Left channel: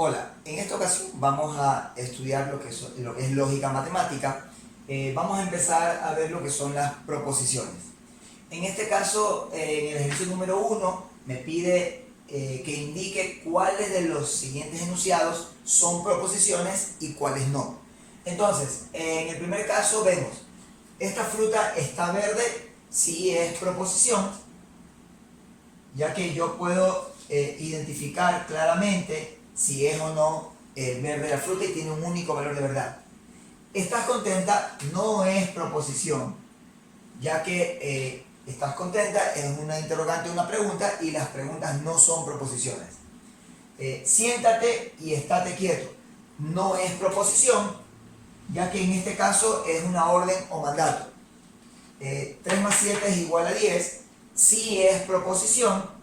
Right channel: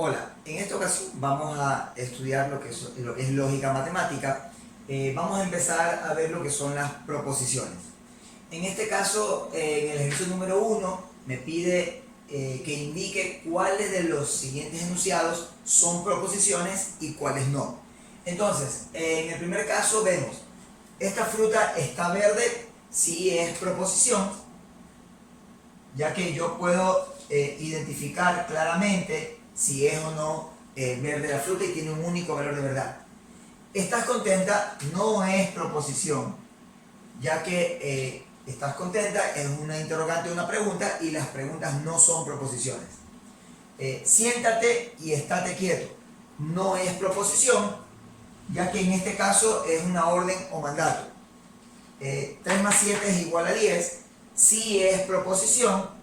Hola, en esta ocasión vamos a estudiar lo que es lógica matemática. Vamos a empezar a ver lo que son las proposiciones. En este caso, en el ejercicio número 1, me pide que indique cuáles de los siguientes enunciados son proposiciones y cuáles no. Entonces, en el primer caso vemos, esta fruta está verde, sí es proposición, ya que yo puedo identificar claramente si es o no verde la fruta y tiene un único valor de verdad. Estás contenta no es proposición, ya que estás contenta es una interrogante o una pregunta y las preguntas no son proposiciones. Siéntate y estate quieto no es proposición, ya que en este caso es una orden o mandato. 3 más 7 es igual a 10, sí es proposición,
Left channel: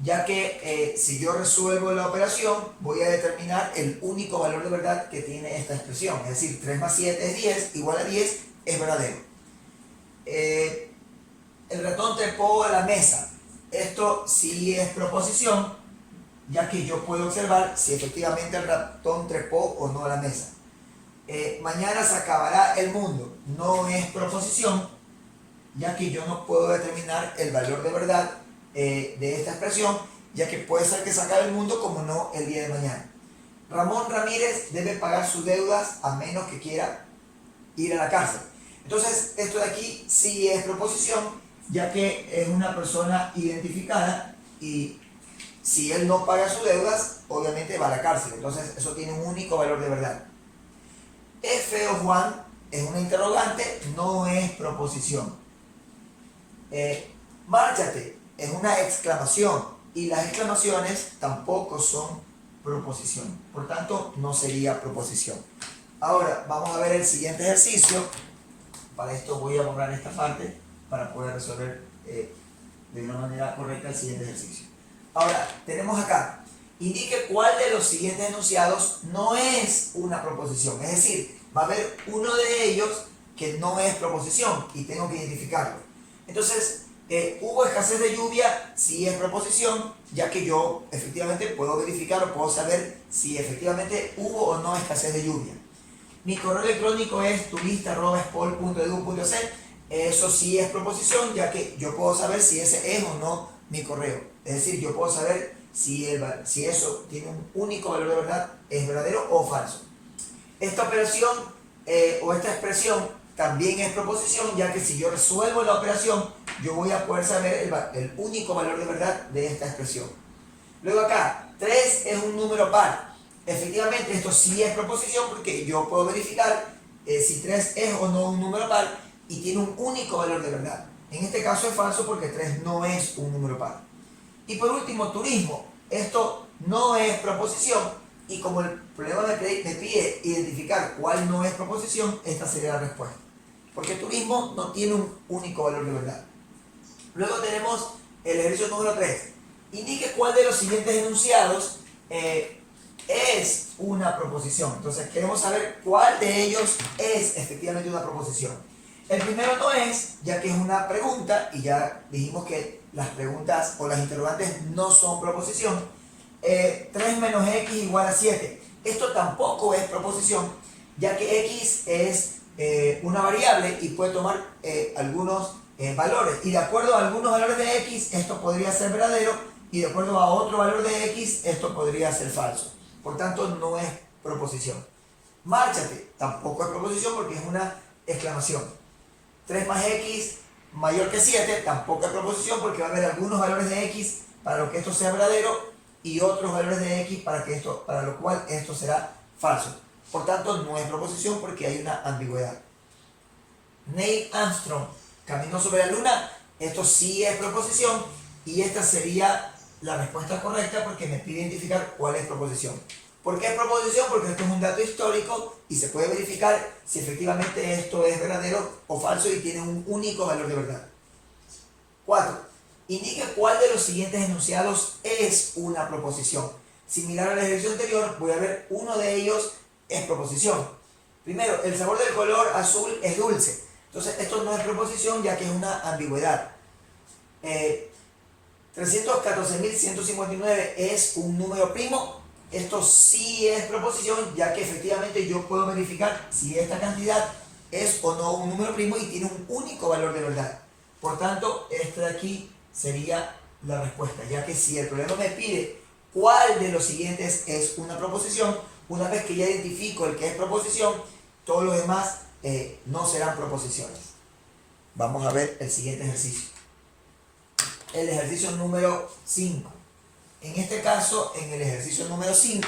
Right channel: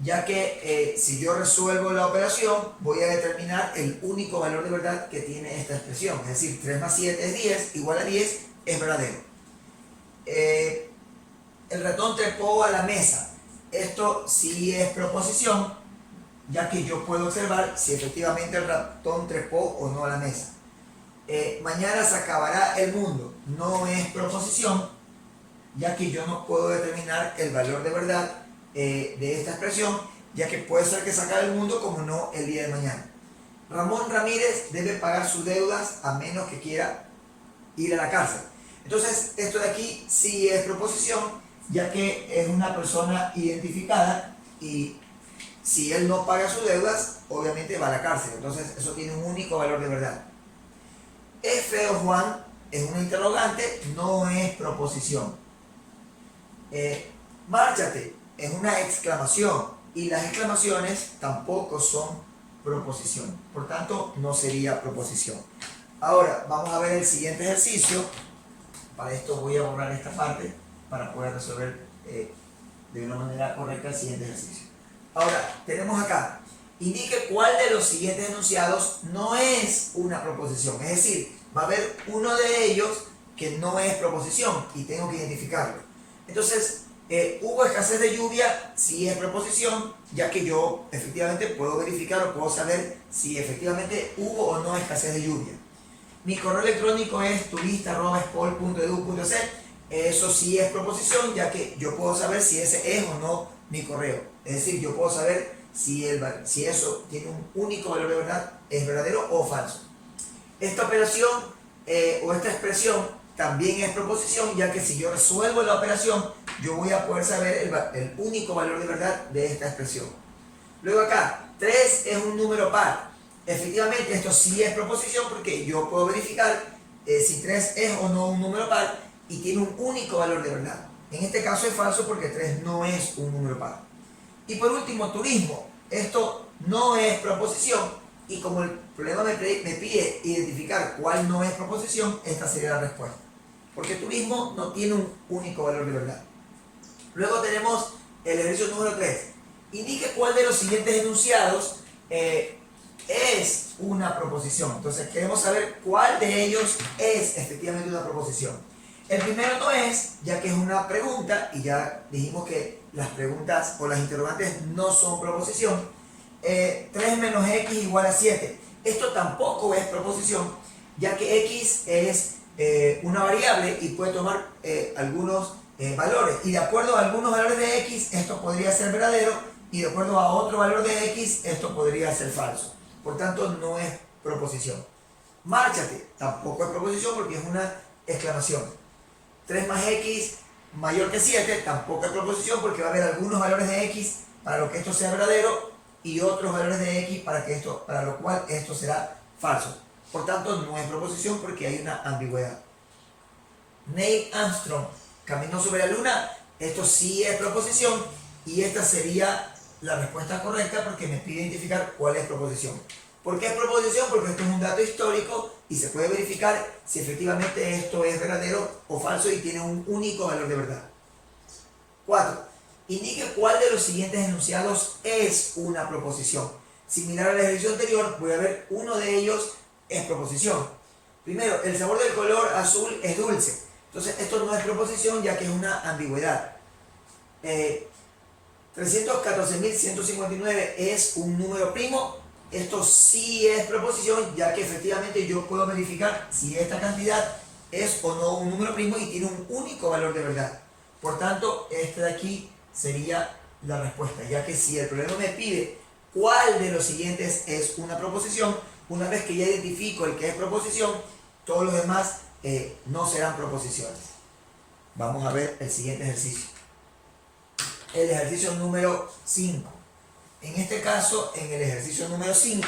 ya que si yo resuelvo la operación voy a determinar el único valor de verdad que tiene esta expresión, es decir, 3 más 7 es 10, igual a 10 es verdadero. El ratón trepó a la mesa, esto sí es proposición, ya que yo puedo observar si efectivamente el ratón trepó o no a la mesa. Mañana se acabará el mundo, no es proposición, ya que yo no puedo determinar el valor de verdad de esta expresión, ya que puede ser que se acabe el mundo como no el día de mañana. Ramón Ramírez debe pagar sus deudas a menos que quiera ir a la cárcel. Entonces, esto de aquí sí es proposición, ya que es una persona identificada y si él no paga sus deudas, obviamente va a la cárcel. Entonces, eso tiene un único valor de verdad. ¿Es feo Juan? Es una interrogante, no es proposición. Márchate es una exclamación y las exclamaciones tampoco son proposición, por tanto no sería proposición. Ahora vamos a ver el siguiente ejercicio. Para esto voy a borrar esta parte para poder resolver de una manera correcta el siguiente ejercicio. Ahora tenemos acá, indique cuál de los siguientes enunciados no es una proposición, es decir, va a haber uno de ellos que no es proposición y tengo que identificarlo. Entonces, hubo escasez de lluvia, sí es proposición, ya que yo efectivamente puedo verificar o puedo saber si efectivamente hubo o no escasez de lluvia. Mi correo electrónico es turista@espol.edu.es, eso sí es proposición, ya que yo puedo saber si ese es o no mi correo. Es decir, yo puedo saber si eso tiene un único valor de verdad, es verdadero o falso. Esta operación o esta expresión también es proposición, ya que si yo resuelvo la operación, yo voy a poder saber el único valor de verdad de esta expresión. Luego acá, 3 es un número par. Efectivamente, esto sí es proposición porque yo puedo verificar si 3 es o no un número par y tiene un único valor de verdad. En este caso es falso porque 3 no es un número par. Y por último, turismo. Esto no es proposición y como el problema me pide identificar cuál no es proposición, esta sería la respuesta. Porque turismo no tiene un único valor de verdad. Luego tenemos el ejercicio número 3. Indique cuál de los siguientes enunciados es una proposición. Entonces queremos saber cuál de ellos es efectivamente una proposición. El primero no es, ya que es una pregunta, y ya dijimos que las preguntas o las interrogantes no son proposición. 3 menos x igual a 7. Esto tampoco es proposición, ya que x es una variable y puede tomar algunos valores. Y de acuerdo a algunos valores de x, esto podría ser verdadero, y de acuerdo a otro valor de x, esto podría ser falso. Por tanto, no es proposición. Márchate tampoco es proposición porque es una exclamación. 3 más x mayor que 7 tampoco es proposición porque va a haber algunos valores de x para lo que esto sea verdadero y otros valores de x para lo cual esto será falso. Por tanto, no es proposición porque hay una ambigüedad. Neil Armstrong caminó sobre la luna. Esto sí es proposición y esta sería la respuesta correcta porque me pide identificar cuál es proposición. ¿Por qué es proposición? Porque esto es un dato histórico y se puede verificar si efectivamente esto es verdadero o falso y tiene un único valor de verdad. 4. Indique cuál de los siguientes enunciados es una proposición. Similar al ejercicio anterior, voy a ver uno de ellos es proposición. Primero, el sabor del color azul es dulce. Entonces, esto no es proposición ya que es una ambigüedad. 314.159 es un número primo. Esto sí es proposición, ya que efectivamente yo puedo verificar si esta cantidad es o no un número primo y tiene un único valor de verdad. Por tanto, este de aquí sería la respuesta, ya que si el problema me pide cuál de los siguientes es una proposición, una vez que ya identifico el que es proposición, todos los demás no serán proposiciones. Vamos a ver el siguiente ejercicio. El ejercicio número 5. En este caso, en el ejercicio número 5,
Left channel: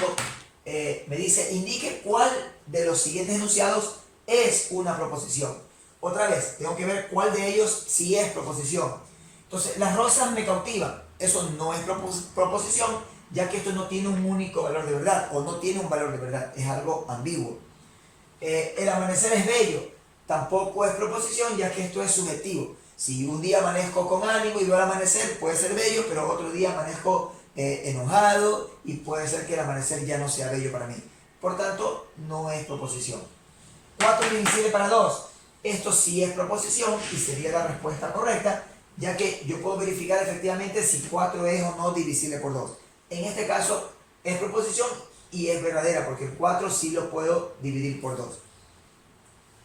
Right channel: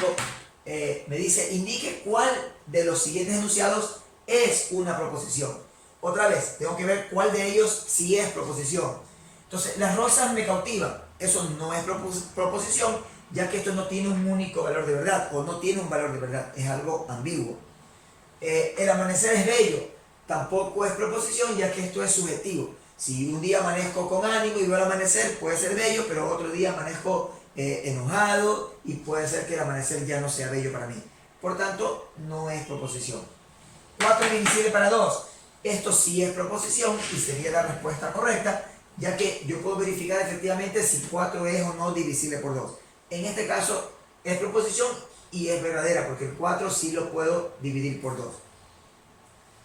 me dice, indique cuál de los siguientes enunciados es una proposición. Otra vez, tengo que ver cuál de ellos sí es proposición. Entonces, las rosas me cautivan. Eso no es proposición, ya que esto no tiene un único valor de verdad, o no tiene un valor de verdad, es algo ambiguo. El amanecer es bello, tampoco es proposición, ya que esto es subjetivo. Si un día amanezco con ánimo y veo el amanecer, puede ser bello, pero otro día amanezco enojado y puede ser que el amanecer ya no sea bello para mí. Por tanto, no es proposición. 4 divisible para 2. Esto sí es proposición y sería la respuesta correcta, ya que yo puedo verificar efectivamente si 4 es o no divisible por 2. En este caso es proposición y es verdadera, porque el 4 sí lo puedo dividir por 2.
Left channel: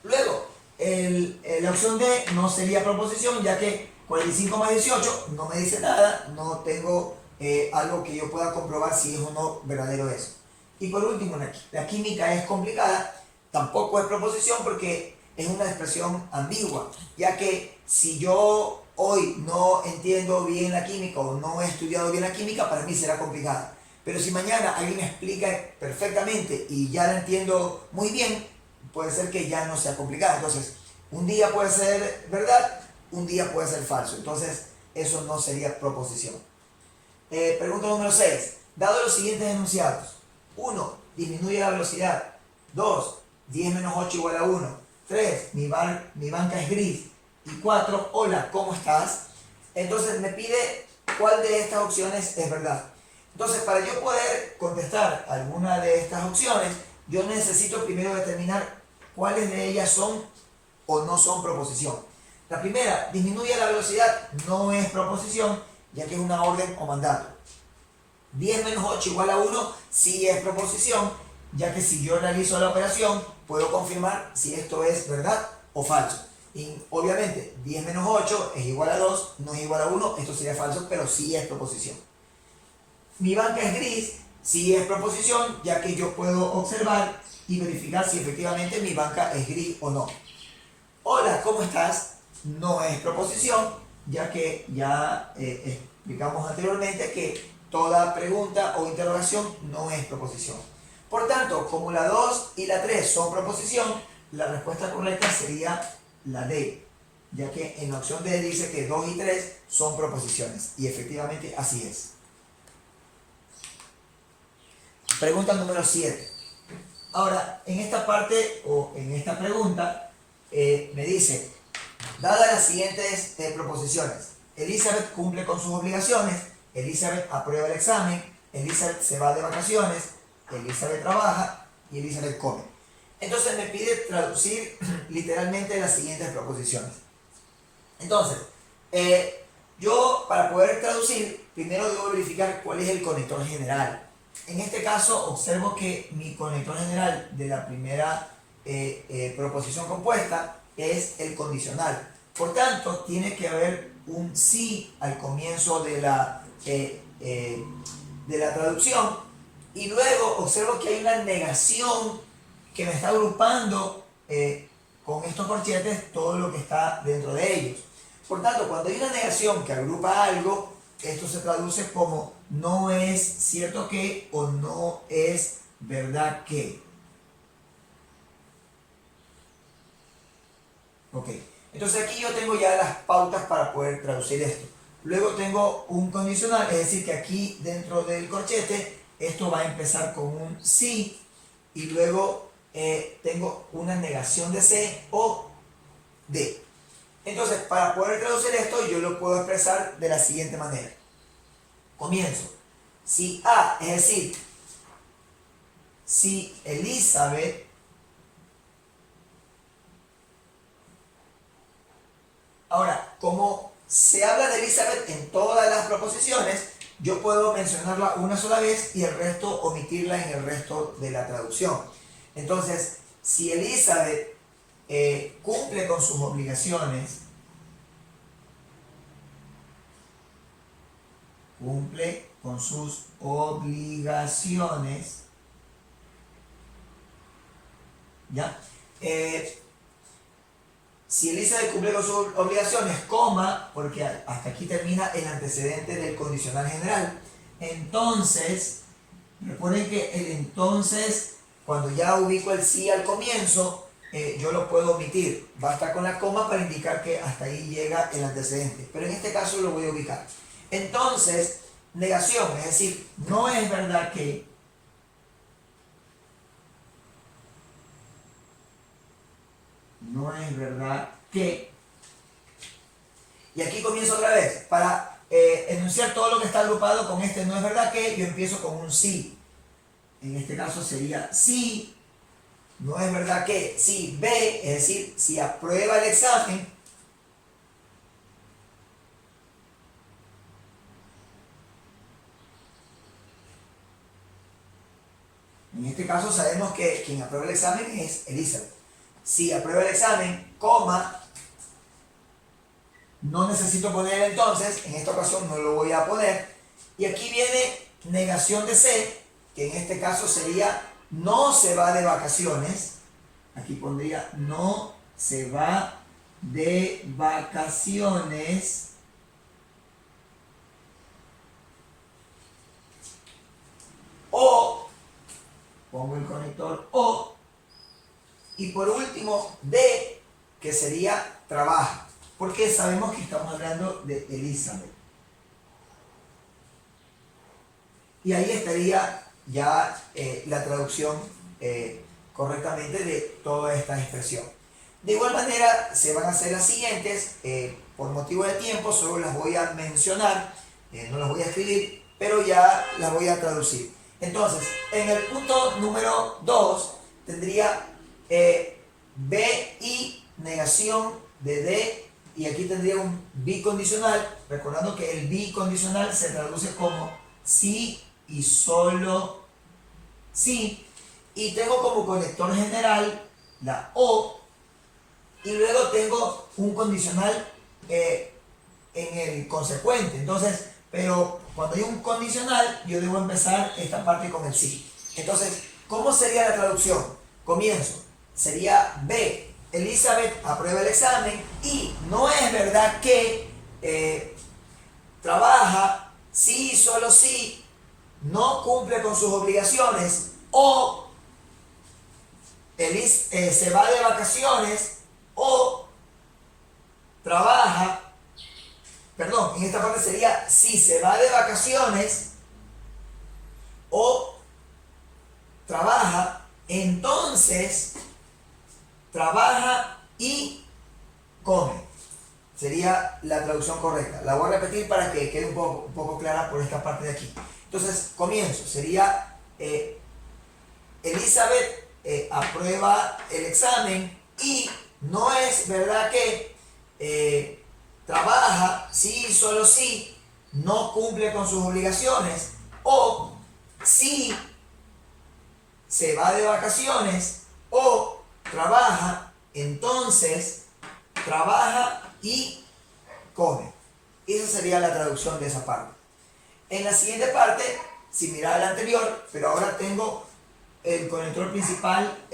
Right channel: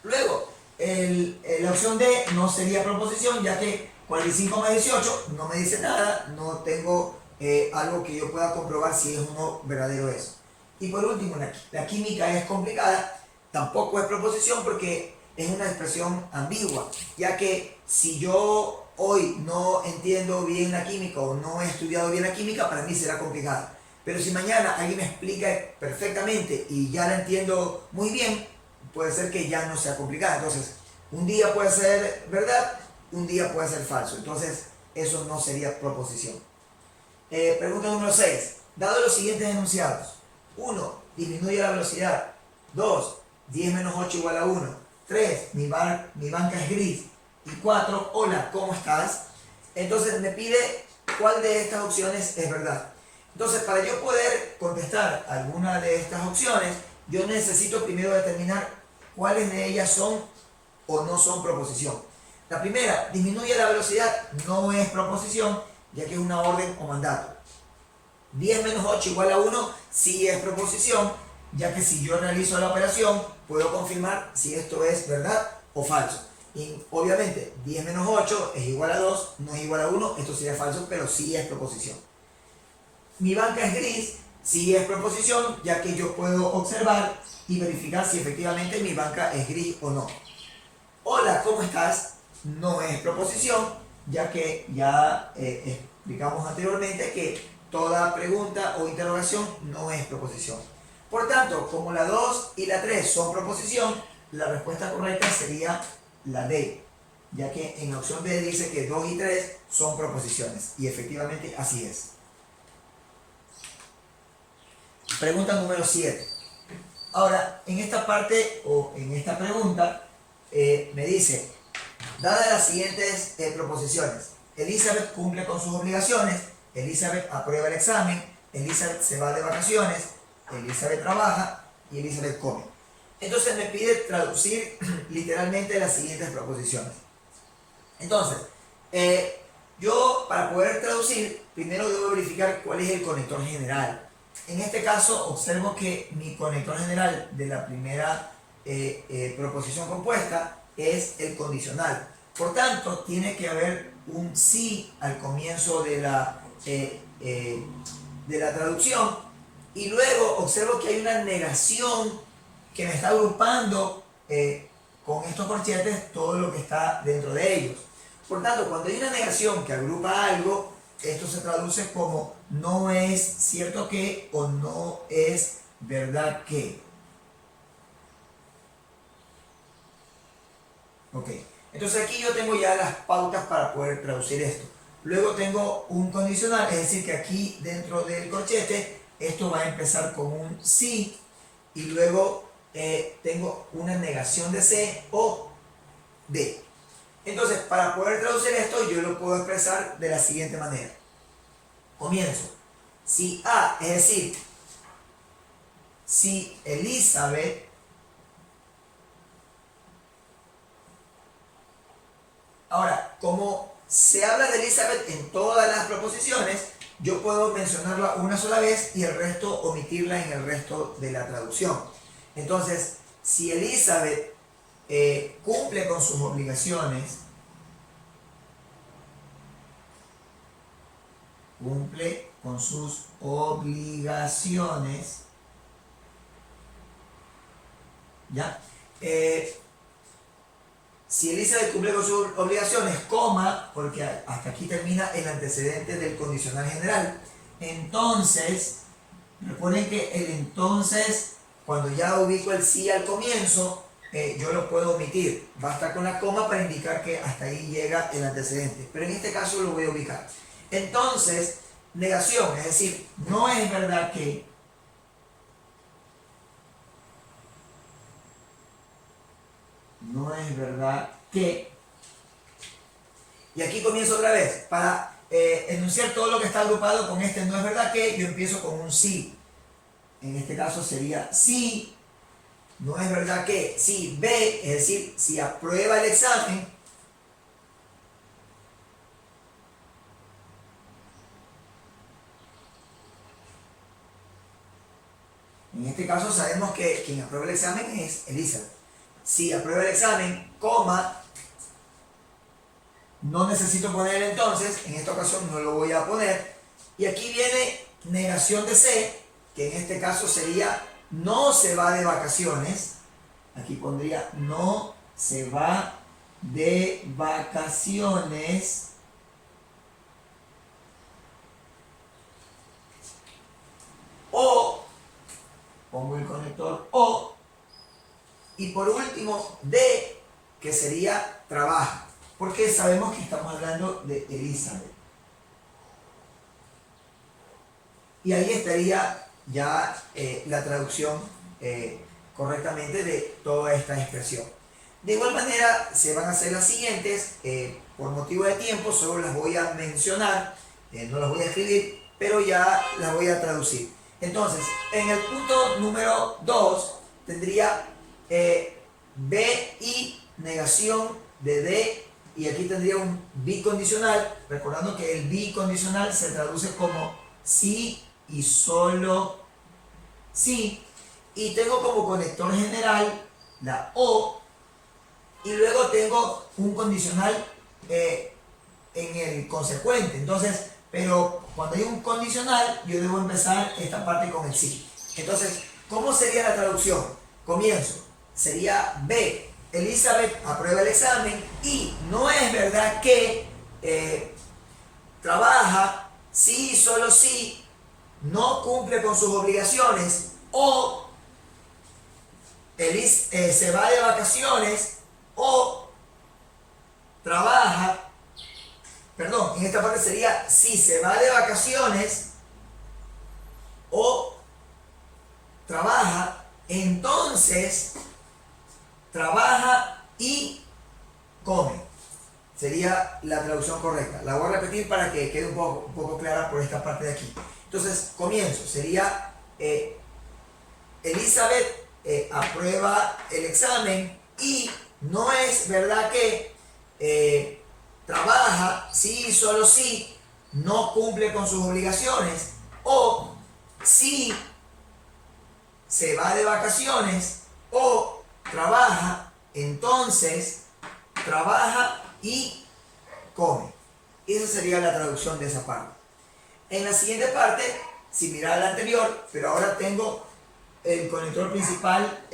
Luego, la opción D no sería proposición, ya que 45 más 18 no me dice nada, no tengo algo que yo pueda comprobar si es o no verdadero eso. Y por último, la química es complicada, tampoco es proposición porque es una expresión ambigua, ya que si yo hoy no entiendo bien la química o no he estudiado bien la química, para mí será complicada. Pero si mañana alguien me explica perfectamente y ya la entiendo muy bien, puede ser que ya no sea complicada. Entonces, un día puede ser verdad, un día puede ser falso. Entonces, eso no sería proposición. Pregunta número 6. Dado los siguientes enunciados. 1. Disminuye la velocidad. 2. 10 menos 8 igual a 1. 3. Mi banca es gris. Y 4. Hola, ¿cómo estás? Entonces me pide cuál de estas opciones es verdad. Entonces, para yo poder contestar alguna de estas opciones, yo necesito primero determinar cuáles de ellas son o no son proposición. La primera, disminuye la velocidad, no es proposición, ya que es una orden o mandato. 10 menos 8 igual a 1, sí es proposición, ya que si yo realizo la operación, puedo confirmar si esto es verdad o falso. Y obviamente, 10 menos 8 es igual a 2, no es igual a 1, esto sería falso, pero sí es proposición. Mi banca es gris, sí es proposición, ya que yo puedo observar y verificar si efectivamente mi banca es gris o no. Hola, ¿cómo estás? No es proposición, ya que ya explicamos anteriormente que toda pregunta o interrogación no es proposición. Por tanto, como la 2 y la 3 son proposición, la respuesta correcta sería la D, ya que en la opción D dice que 2 y 3 son proposiciones, y efectivamente así es. Pregunta número 7. Ahora, en esta parte o en esta pregunta me dice, dadas las siguientes proposiciones, Elizabeth cumple con sus obligaciones, Elizabeth aprueba el examen, Elizabeth se va de vacaciones, Elizabeth trabaja y Elizabeth come. Entonces me pide traducir literalmente las siguientes proposiciones. Entonces, yo para poder traducir, primero debo verificar cuál es el conector general. En este caso, observo que mi conector general de la primera proposición compuesta es el condicional. Por tanto, tiene que haber un sí al comienzo de la traducción. Y luego observo que hay una negación que me está agrupando con estos corchetes todo lo que está dentro de ellos. Por tanto, cuando hay una negación que agrupa algo, esto se traduce como no es cierto que o no es verdad que. Ok, entonces aquí yo tengo ya las pautas para poder traducir esto. Luego tengo un condicional, es decir que aquí dentro del corchete esto va a empezar con un sí y luego tengo una negación de C o D. Entonces, para poder traducir esto, yo lo puedo expresar de la siguiente manera. Comienzo. Si A, es decir, si Elizabeth ahora, como se habla de Elizabeth en todas las proposiciones, yo puedo mencionarla una sola vez y el resto omitirla en el resto de la traducción. Entonces, si Elizabeth cumple con sus obligaciones, ¿ya? Si Elizabeth cumple con sus obligaciones, coma, porque hasta aquí termina el antecedente del condicional general. Entonces, recuerden que el entonces, cuando ya ubico el sí al comienzo, yo lo puedo omitir. Basta con la coma para indicar que hasta ahí llega el antecedente. Pero en este caso lo voy a ubicar. Entonces, negación, es decir, no es verdad que. No es verdad que. Y aquí comienzo otra vez. Para enunciar todo lo que está agrupado con este no es verdad que, yo empiezo con un sí. En este caso sería sí. No es verdad que. Si B, es decir, si aprueba el examen. En este caso sabemos que quien aprueba el examen es Elizabeth. Si aprueba el examen, coma, no necesito poner el entonces, en esta ocasión no lo voy a poner. Y aquí viene negación de C, que en este caso sería no se va de vacaciones. Aquí pondría no se va de vacaciones. O, pongo el conector O. Y por último, D, que sería trabaja. Porque sabemos que estamos hablando de Elizabeth. Y ahí estaría ya la traducción correctamente de toda esta expresión. De igual manera, se van a hacer las siguientes. Por motivo de tiempo, solo las voy a mencionar. No las voy a escribir, pero ya las voy a traducir. Entonces, en el punto número 2, tendría B y negación de D, y aquí tendría un bicondicional, recordando que el bicondicional se traduce como sí y solo sí, y tengo como conector general la O, y luego tengo un condicional en el consecuente. Entonces, pero cuando hay un condicional, yo debo empezar esta parte con el sí. Entonces, ¿cómo sería la traducción? Comienzo. Sería B, Elizabeth aprueba el examen y no es verdad que trabaja, sí, solo sí, no cumple con sus obligaciones, o se va de vacaciones, o trabaja, perdón, en esta parte sería si se va de vacaciones o trabaja, entonces trabaja y come. Sería la traducción correcta. La voy a repetir para que quede un poco clara por esta parte de aquí. Entonces, comienzo. Sería Elizabeth aprueba el examen y no es verdad que trabaja, sí, solo sí, no cumple con sus obligaciones, o sí, se va de vacaciones, o trabaja, entonces trabaja y come. Esa sería la traducción de esa parte. En la siguiente parte, similar a la anterior, pero ahora tengo el conector principal,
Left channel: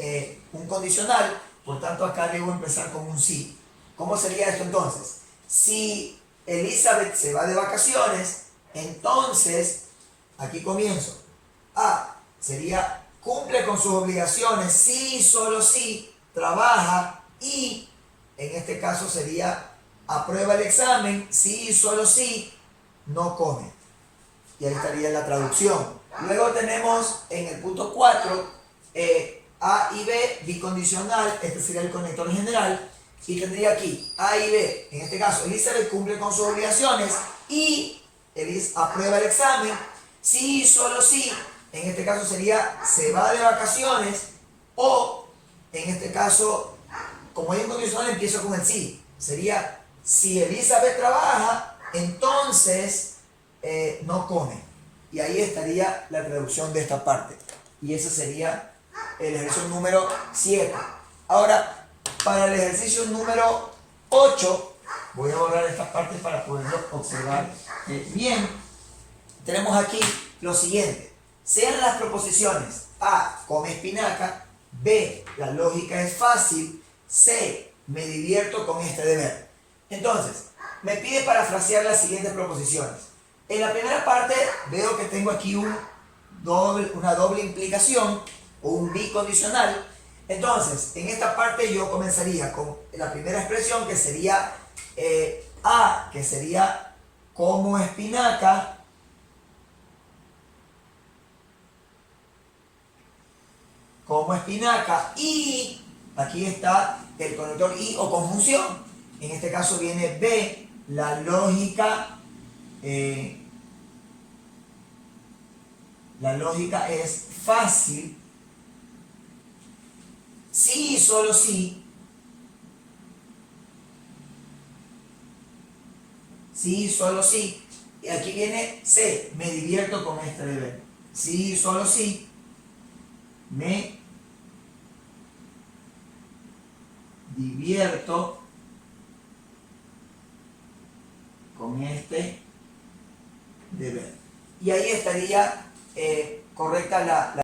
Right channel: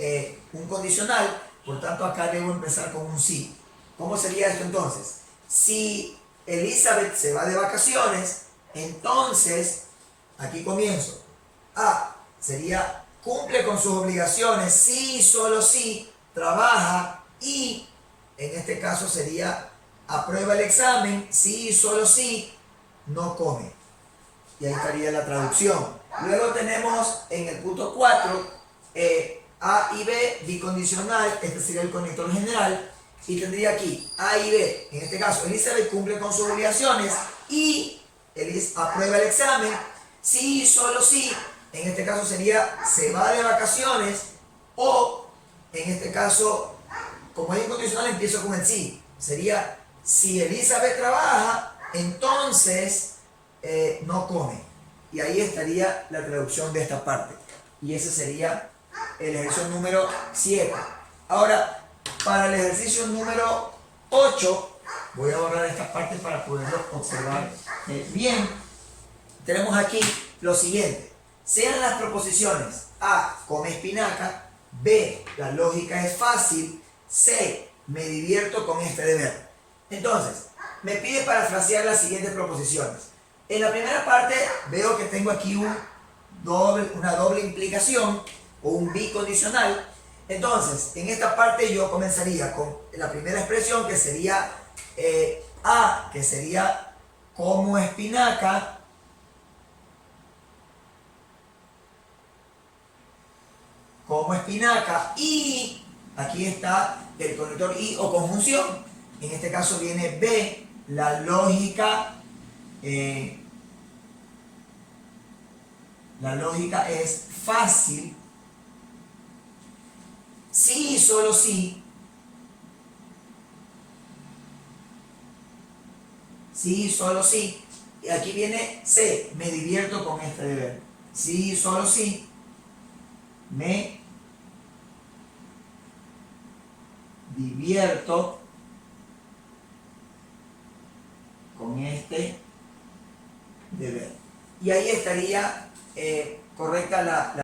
un condicional, por tanto acá debo empezar con un sí. ¿Cómo sería esto entonces? Si Elizabeth se va de vacaciones, entonces, aquí comienzo. A sería cumple con sus obligaciones, sí, solo sí, trabaja y, en este caso sería aprueba el examen, sí, solo sí, no come. Y ahí estaría la traducción. Luego tenemos en el punto 4, A y B, bicondicional, este sería el conector general, y tendría aquí A y B, en este caso Elizabeth cumple con sus obligaciones y aprueba el examen, sí, solo sí, en este caso sería se va de vacaciones, o en este caso, como es incondicional, empiezo con el sí, sería si Elizabeth trabaja, entonces no come. Y ahí estaría la traducción de esta parte. Y ese sería el ejercicio número 7. Ahora, para el ejercicio número 8, voy a borrar estas partes para poderlo observar bien. Tenemos aquí lo siguiente. Sean las proposiciones: A, come espinaca; B, la lógica es fácil; C, me divierto con este deber. Entonces, me pide parafrasear las siguientes proposiciones. En la primera parte veo que tengo aquí una doble implicación o un bicondicional. Entonces, en esta parte yo comenzaría con la primera expresión, que sería A, que sería como espinaca. Como espinaca. Y aquí está el conector y o conjunción. En este caso viene B, la lógica. La lógica es fácil. Sí y solo sí. Sí y solo sí. Y aquí viene C, me divierto con este deber. Sí y solo sí. Me divierto con este deber. Y ahí estaría correcta la